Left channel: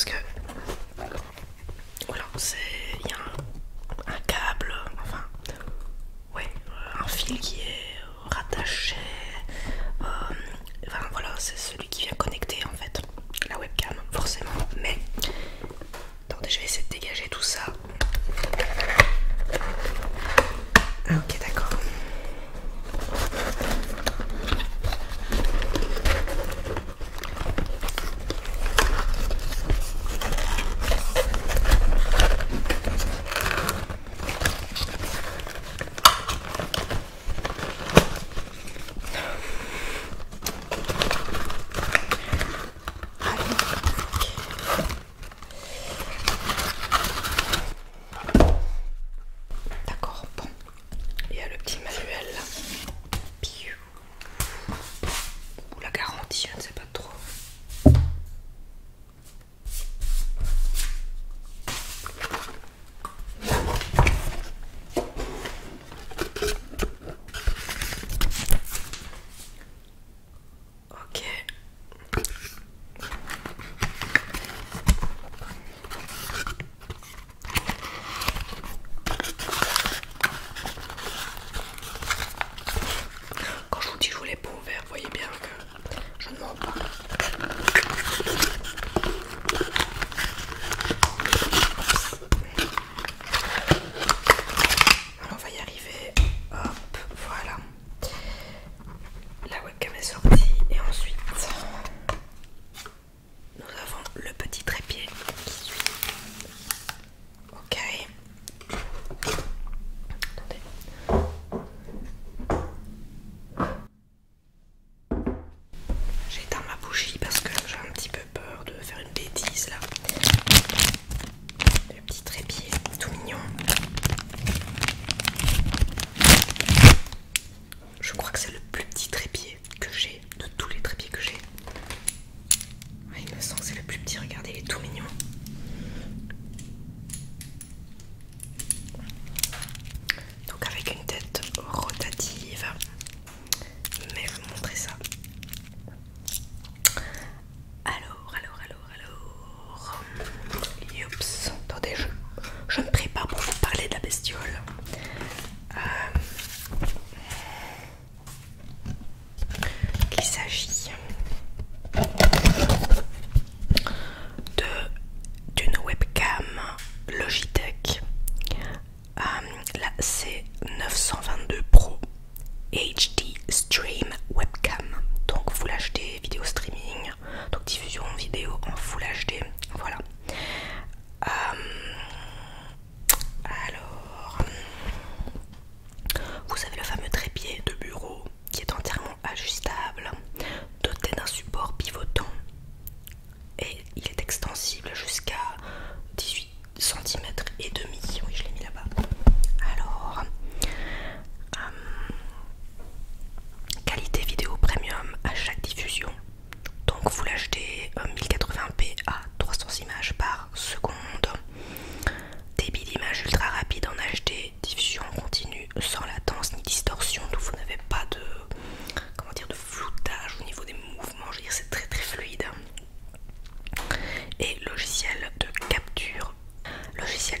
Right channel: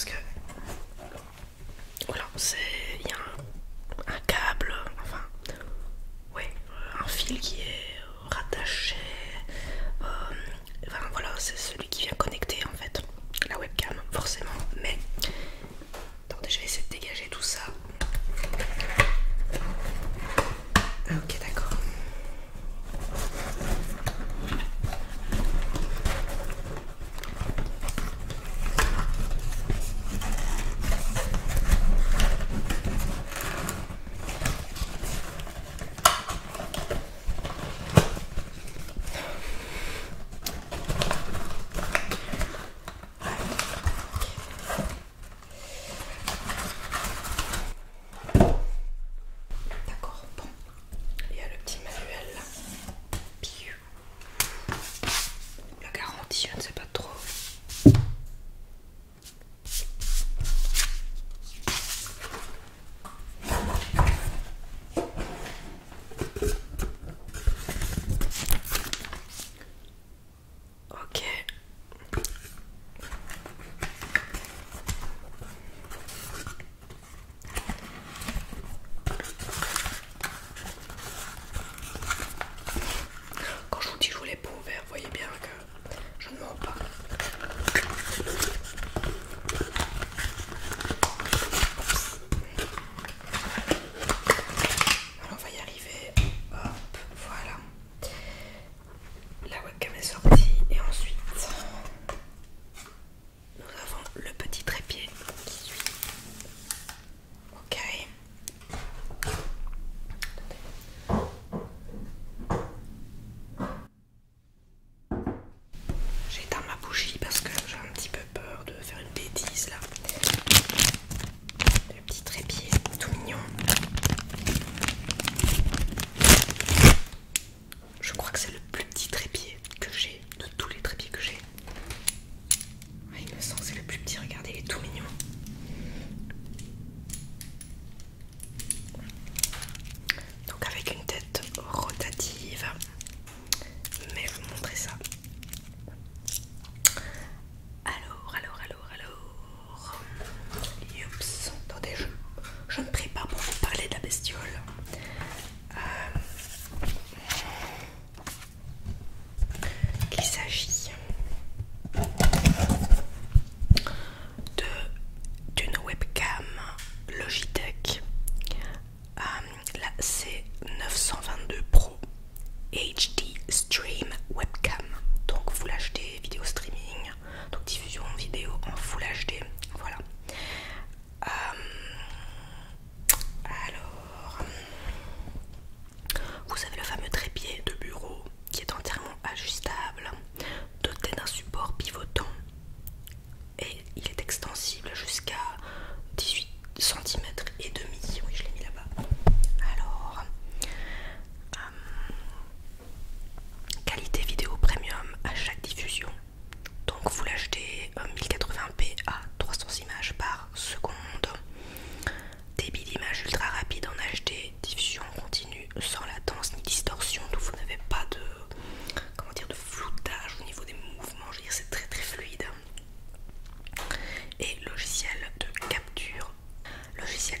parce que voilà, il y a un câble, enfin ouais, un fil qui est rattaché. Enfin voilà, c'est celui qui vient connecter en fait la webcam, forcément. Mais attendez, je vais essayer de dégager tout ça. Ah, ok, d'accord. D'accord, bon. Il y a le petit manuel là. Piou. Ou la garantie, je ne sais pas trop. Ok. Quand je vous dis que je voulais pas ouvert, vous voyez bien que je ne mens pas. Alors on va y arriver. Hop, voilà. La webcam est sortie et ensuite nous avons le petit trépied qui suit. Ok. Attendez. J'ai éteint ma bougie parce que j'ai un petit peu peur de faire une bêtise là. Le petit trépied tout mignon. Je crois que c'est le plus petit trépied que j'ai de tous les trépieds que j'ai. Ouais, il me semble que c'est le plus petit, regardez, il est tout mignon. Donc avec une tête rotative. Mais je vais vous montrer ça. Alors. Youps. Attendez, je me prépare pour vous parler de la bestiole. Il s'agit d'une webcam Logitech, la C922 Pro HD Stream Webcam. Donc Full HD vidéo streaming, donc diffusion vidéo en Full HD. Voilà. Alors, vous avez le fameux trépied de bureau qui est entièrement ajustable, doté d'un support pivotant et il est extensible jusqu'à 18 cm et demi. Oui, je l'ai mis là-bas. Alors, qualité vidéo premium à chaque diffusion. Donc Full HD 1080p à 300 images par seconde. Débit d'image ultra rapide en HD, diffusion continue sans latence ni distorsion, donc vous n'avez pas de, comment dire, de floutage au niveau des mouvements. Je veux dire, c'est très très fluide. Et logiciel de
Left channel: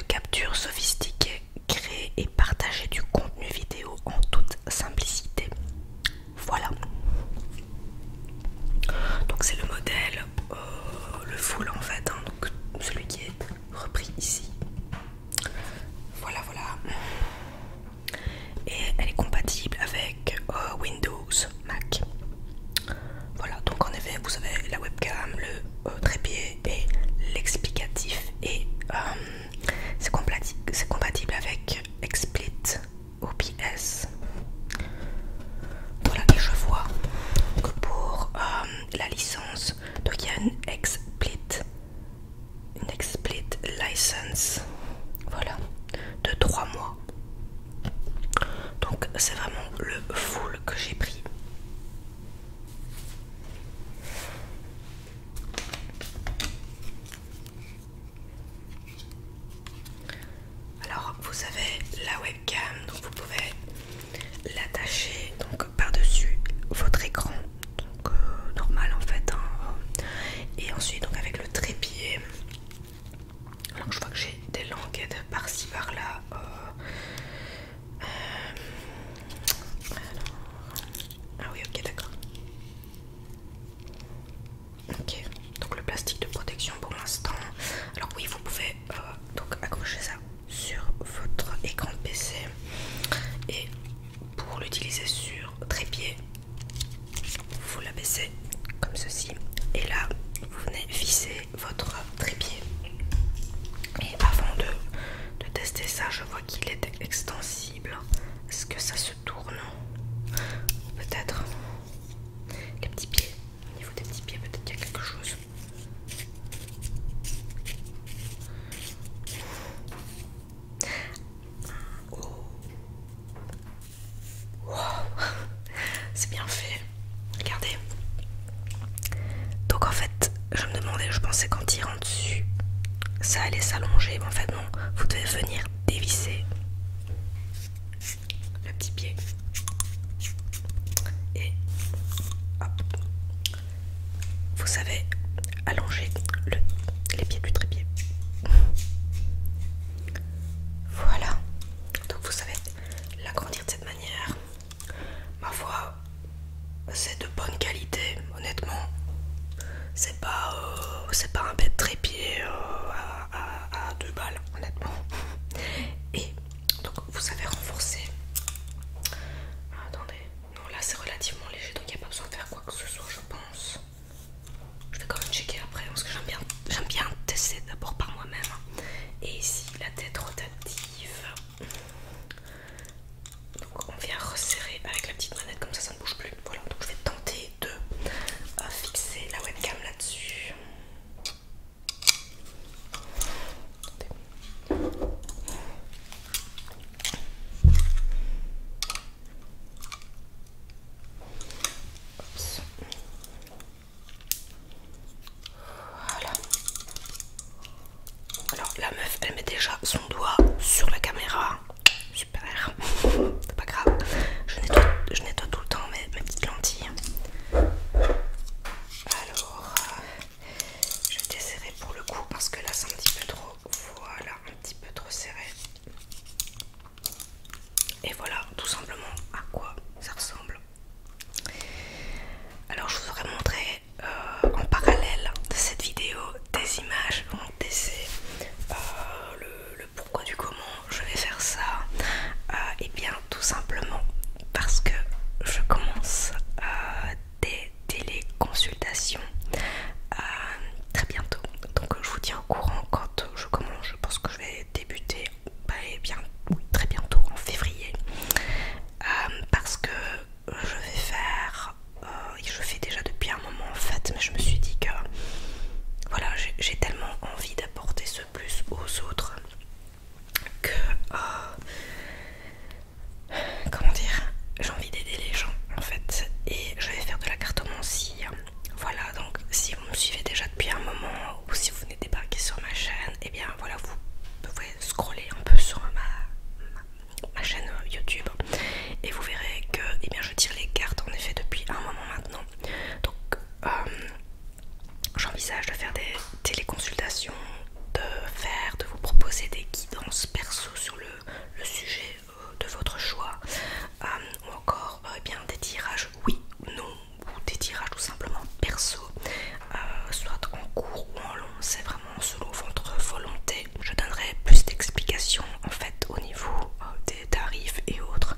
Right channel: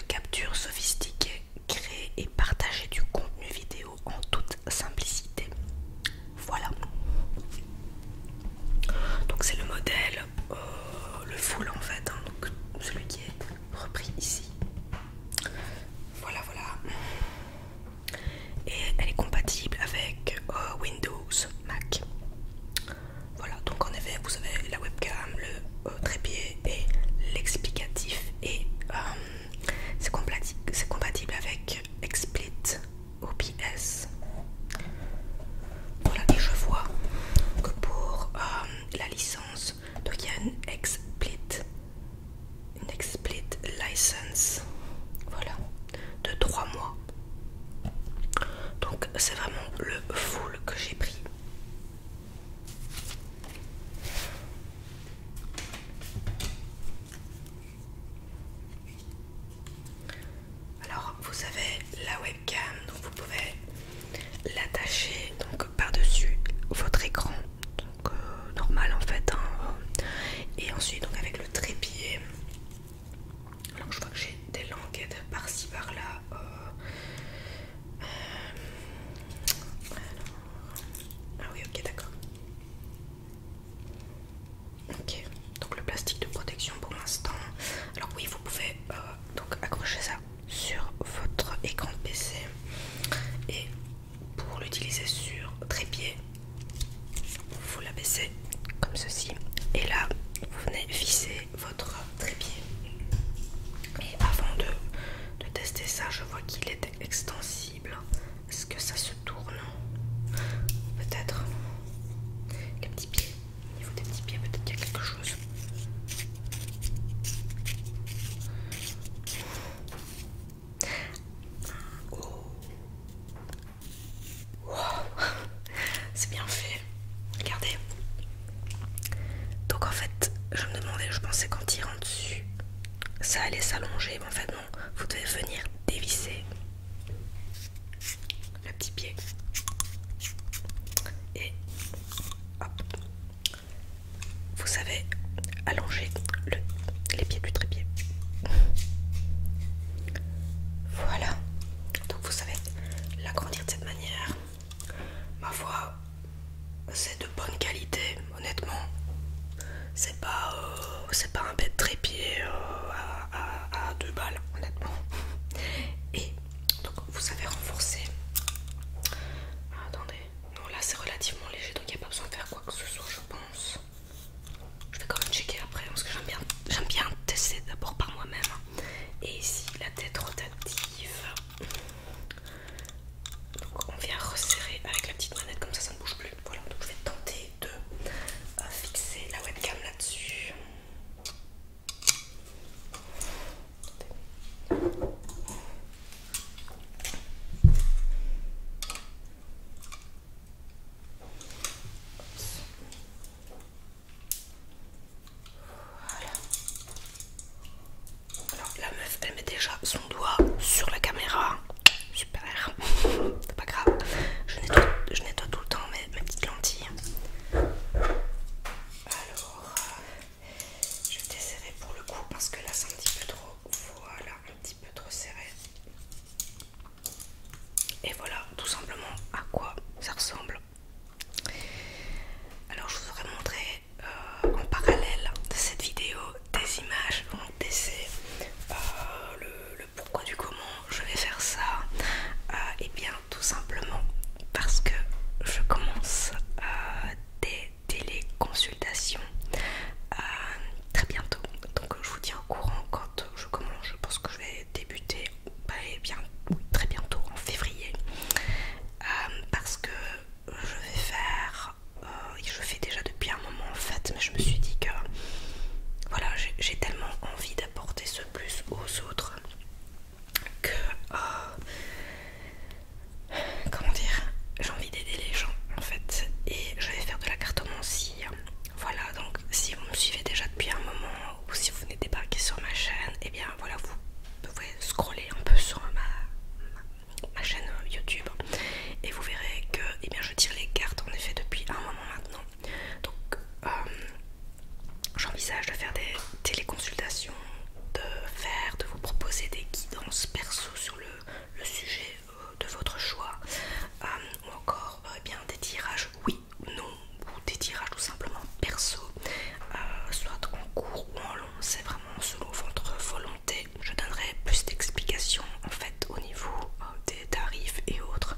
capture sophistiqué, créer et partager du contenu vidéo en toute simplicité. Voilà. Donc c'est le modèle, le full en fait, hein, donc celui qui est repris ici. Voilà. Et elle est compatible avec Windows, Mac. Voilà, donc en effet vous avez la webcam, le trépied et l'explicatif. Et c'est compatible avec XSplit OBS. Voilà, et je vois que pour la licence, donc il y a une XSplit license, voilà, de 3 mois. Donc c'est vraiment le full que j'ai pris. Alors vous avez la webcam, donc vous pouvez l'attacher donc par-dessus votre écran, donc normal en fait, hein. Et ensuite donc avec le trépied pockets par-ci par-là. Ah oui, ok, d'accord. Ok, donc le plastique de protection pour l'instant. Alors oui, vous pouvez donc accrocher ça sur votre écran de PC, et pour l'utiliser sur trépied, vous l'abaissez comme ceci, et là vous venez visser votre trépied. Et avant de tester ça, je vois qu'il est extensible. Est-ce que ça se tourne? Peut-être. Les petits pieds, au niveau des petits pieds, peut-être qu'il y a quelque chose. Oh. Wow. C'est bien fait. Regardez. Donc en fait, je me demandais, je pensais qu'en tirant dessus, ça allait s'allonger, mais en fait non. Vous devez venir dévisser le petit pied. Et hop. Vous savez allonger les pieds du trépied. Voilà. Donc vous savez l'agrandir de cette manière. Ma foi, c'est de bonne qualité, honnêtement. C'est pas un bête trépied à 2 balles, honnêtement. Et donc vous savez renforcer. Attendez, non là c'est relativement léger, donc il n'y a pas besoin de faire quoi que ce soit, je pense. Je vais quand même checker après parce que j'aime bien tester d'abord par moi-même. Et ici la tête rotative. Donc on vient resserrer avec la petite manette, comme ça ne bouge plus. Voilà, donc je vais tenter de fixer la webcam là-dessus. Voilà. Alors la meuf, elle met déjà son doigt sur la caméra. Super. C'est pas grave. Je nettoie tout le temps mes petites lentilles. Alors, je vais desserrer pour le coup parce que là c'est un petit peu trop. Voilà, un petit peu trop serré. Et voilà tout simplement à quoi ça ressemble. Alors je vous aurais montré en parallèle de cette vidéo des images, mon PC, le pourquoi du comment je vais faire ça. Et bien tout simplement parce que je commence des téléconsultations très bientôt. Donc je vous tiens au courant quand je commence. Je pense que je vais débuter bien, oui, très bientôt en février. Parce que je vais faire, je fais déjà depuis un moment en fait, mais je me suis dit que voilà, j'ai tellement envie d'apporter ce plus aux autres que comment dire, j'ai envie d'aider les gens en fait, et je vais faire de la cartomancie. Voilà, donc si vous me suivez déjà depuis un moment ou si vous venez débarquer sur ma chaîne, et bien voilà, vous pouvez scroller un peu sur ma chaîne YouTube et vous verrez que eh bien, je tire les cartes en effet depuis un moment maintenant. Donc j'envisage de faire des téléconsultations, de vous proposer des guidances perso sur le sujet de votre choix, ou encore eh bien, des tirages oui ou non, ou des tirages tout simplement perso, soit en court ou en long, c'est vraiment selon votre volonté. Je donnerai plus d'explications en fait au niveau des tarifs et autres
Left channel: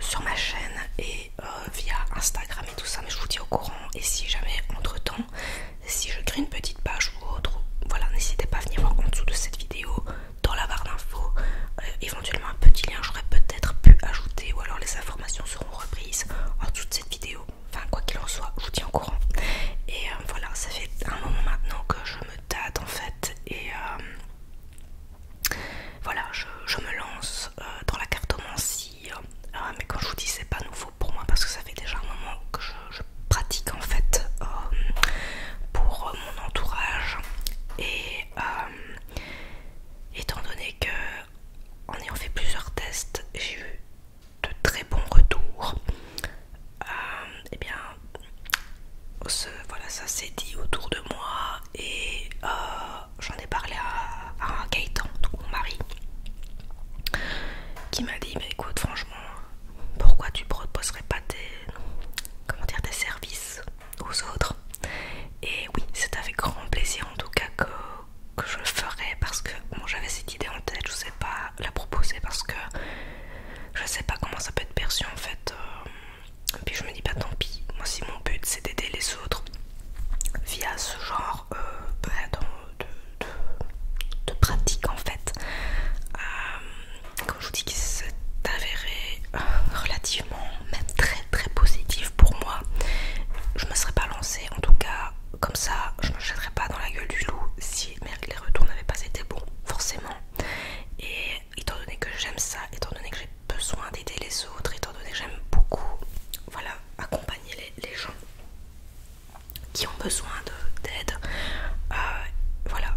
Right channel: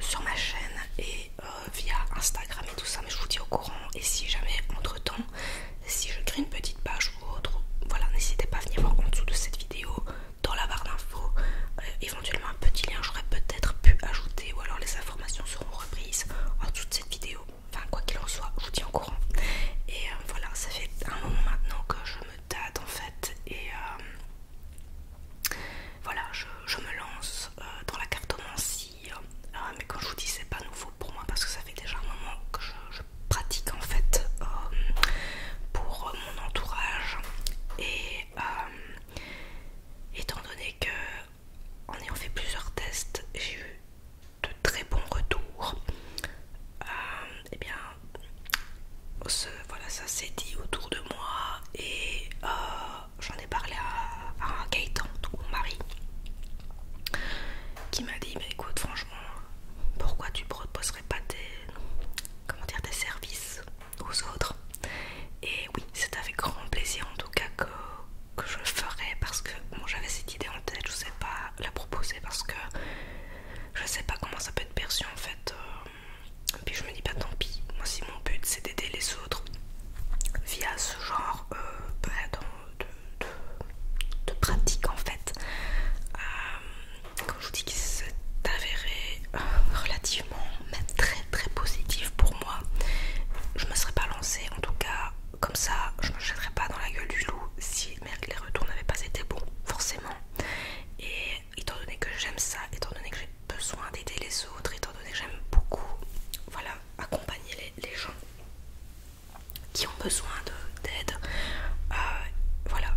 sur ma chaîne et via Instagram et tout ça, mais je vous tiens au courant. Et si jamais entre temps, si je crée une petite page ou autre, voilà, n'hésitez pas à venir voir en dessous de cette vidéo dans la barre d'infos éventuellement un petit lien, j'aurais peut-être pu ajouter, ou alors les informations seront reprises en dessous de cette vidéo. Enfin quoi qu'il en soit, je vous tiens au courant. Et voilà, ça fait un moment maintenant que je me tâte en fait, et voilà, je me lance dans la cartomancie, mais quand je vous dis c'est pas nouveau pour moi parce que ça fait déjà un moment que je pratique en fait pour mon entourage, et étant donné que en ayant fait plusieurs tests, j'ai eu de très bons retours, et bien voilà, ça s'est dit autour de moi, et j'en ai parlé ce genre de, de pratique en fait. Comme je vous dis, qui s'est avéré relativement, même très très positif pour moi. Je me serais pas lancée, en tout cas comme ça, je me jetterais pas dans la gueule du loup si les retours n'avaient pas été bons, forcément. Et étant donné que j'aime ça, étant donné que j'ai besoin d'aider les autres, étant donné que j'aime beaucoup, voilà, accompagner les gens qui ont besoin d'aide, voilà,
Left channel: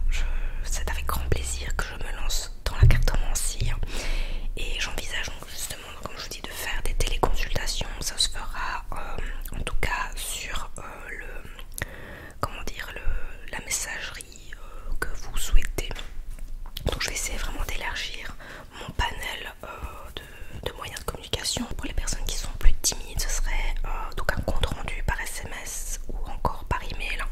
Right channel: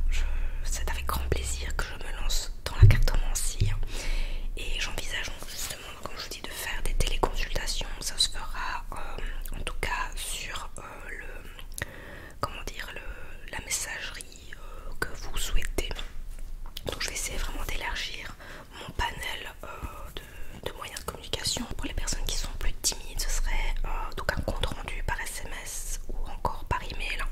c'est avec grand plaisir que je me lance dans la cartomancie. Et j'envisage donc justement, comme je vous dis, de faire des téléconsultations. Ça se fera en tout cas sur comment dire, la messagerie que vous souhaitez. Donc je vais essayer vraiment d'élargir mon panel de moyens de communication. Pour les personnes qui sont plus timides, ce serait donc un compte rendu par SMS ou encore par email.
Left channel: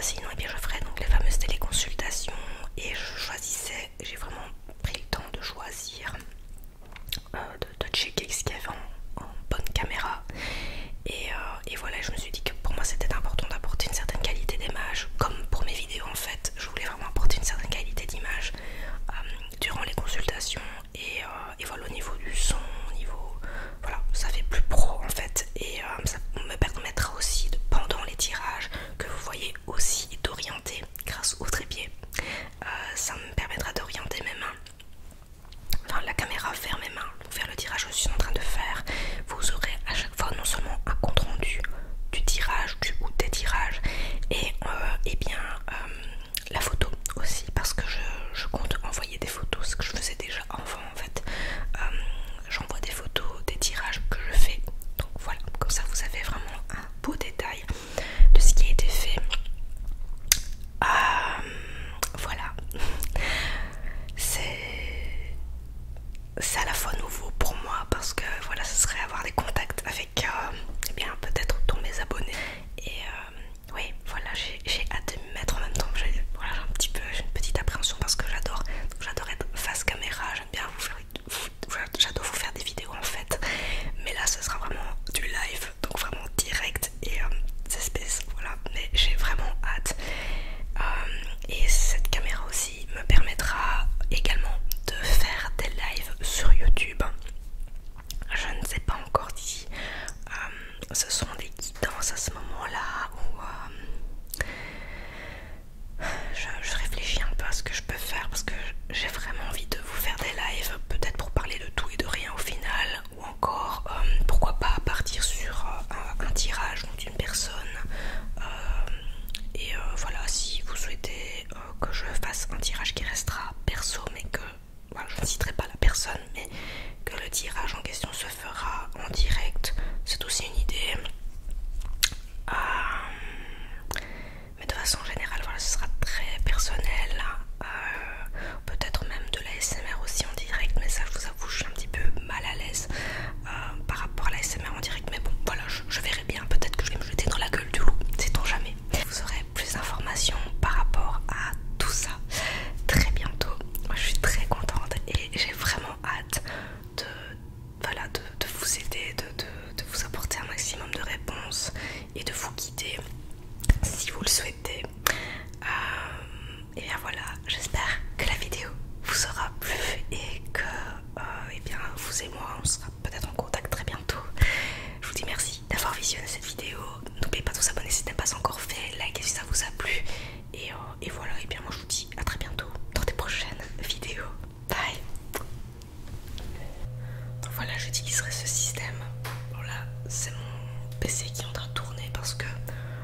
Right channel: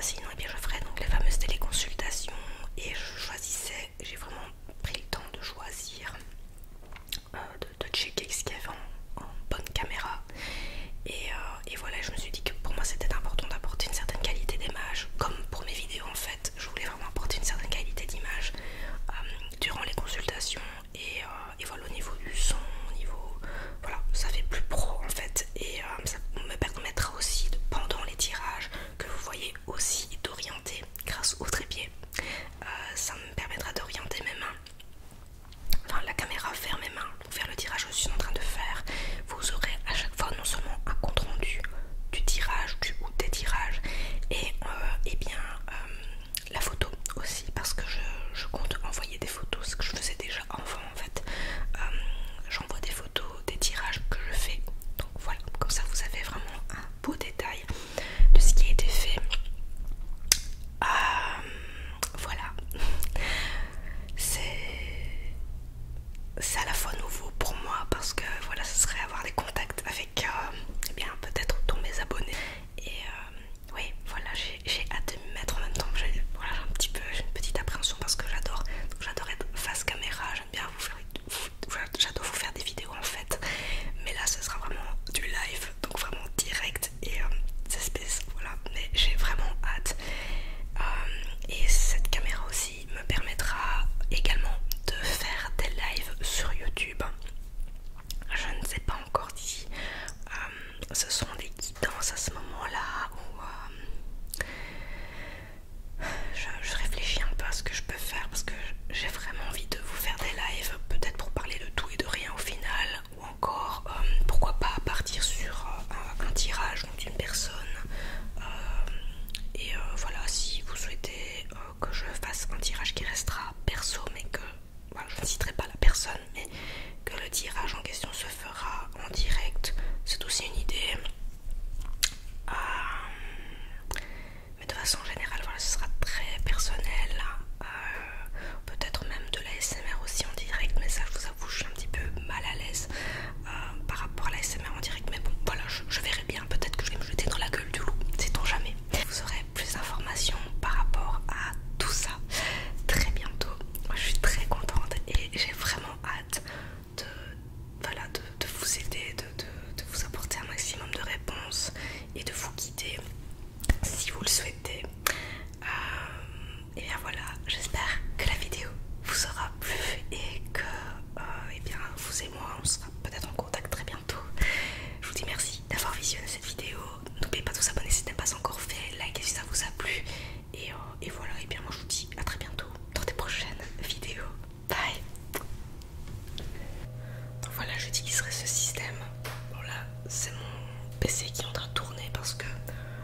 Sinon, eh bien, je ferai donc les fameuses téléconsultations et je choisissais, j'ai vraiment pris le temps de choisir, de checker ce qu'il y avait en bonne caméra. Et voilà, je me suis dit que pour moi c'était important d'apporter une certaine qualité d'image, comme pour mes vidéos en fait. Je voulais vraiment apporter une certaine qualité d'image durant les consultations et voilà, au niveau du son, au niveau, voilà, ça fait plus pro en fait. Et ça me permettra aussi pendant les tirages que vous voyez aussi d'orienter grâce au trépied. Ça me permettra d'orienter mes mains, enfin la caméra vers mes mains, vers le tirage que je suis en train de faire. Vous aurez à chaque fois non seulement un compte rendu du tirage ou des tirages et bien la photo aussi, parce que je compte envoyer des photos, ce que je faisais déjà avant en fait. J'envoie des photos des tirages que je fais, donc voilà, comme ça vous avez vraiment un beau détail de ce qui a été fait. Voilà, c'est à la fois nouveau pour moi parce que voilà, ce serait avoir des contacts avec eh bien peut-être tous mes abonnés. Et oui, voilà, j'ai hâte de m'y mettre en même temps. Voilà, j'ai une petite appréhension parce que j'adore être face caméra, j'aime bien j'adore vous faire des vidéos en fait. Mais là ce sera vraiment du live, donc vraiment direct et c'est space, voilà. Mais j'ai vraiment hâte. Et cette caméra aussi me permettra également de faire des lives sur YouTube. Je ne sais pas encore si ce sont des guidances à ce moment-là ou je réfléchis un peu à ce que je peux faire parce que j'ai vraiment envie de vous faire des lives, peut-être pour parler de tout et de rien au final, ou encore pourquoi pas partir sur un tirage d'une personne. Et voilà, si vous souhaitez que je fasse un tirage qui restera perso, mais que voilà, je ne citerai pas la personne, mais que le tirage en question se fera en direct, c'est aussi une idée. Mais de façon générale, voilà, ce sera très personnel. Peut-être même de l'ASMR aussi en direct, mais ça, je vous avoue, je suis un petit peu mal à l'aise par rapport à l'ASMR en direct. Mais bon, voilà, je verrai bien. Peut-être que je vais me jeter dans la gueule du loup, sait-on jamais. Vous aurez plus d'informations par rapport à tout ça très bientôt. Moi, je suis très contente et j'ai vraiment hâte de vous aider, de vous apporter un maximum de réponses et de vous guider si vous le souhaitez. Et bien voilà, j'espère que la vidéo vous aura plu et que eh bien, vous et moi on sera peut-être en contact très bientôt. Je vous dis merci d'avoir visionné cette vidéo. N'oubliez pas de vous abonner si ce n'est pas encore fait, likez si ça vous a plu. Et voilà, et bien moi je vous dis à très bientôt dans des prochaines vidéos. Bye. Donc voilà, j'utiliserai ce système. Bon là, c'est mon PC qui est en train de tourner parce que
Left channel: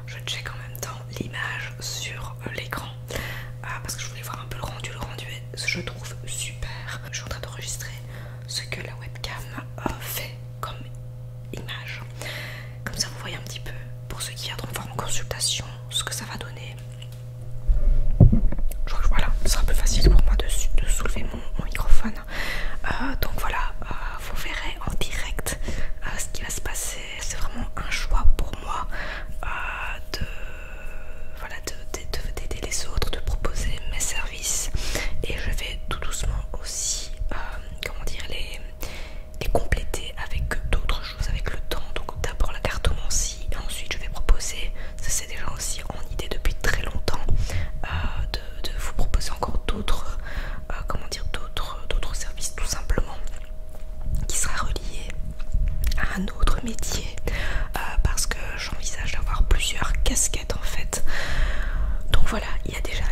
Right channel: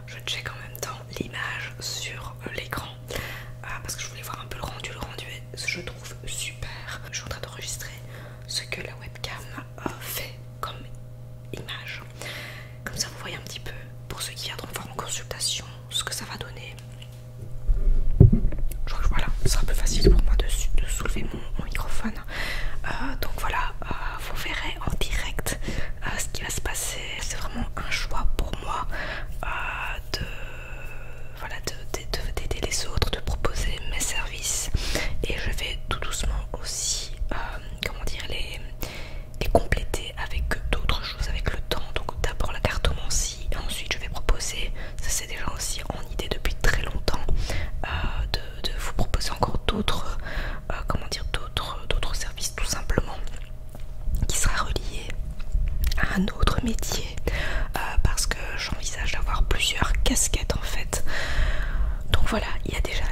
je check en même temps l'image Donc voilà, il y a déjà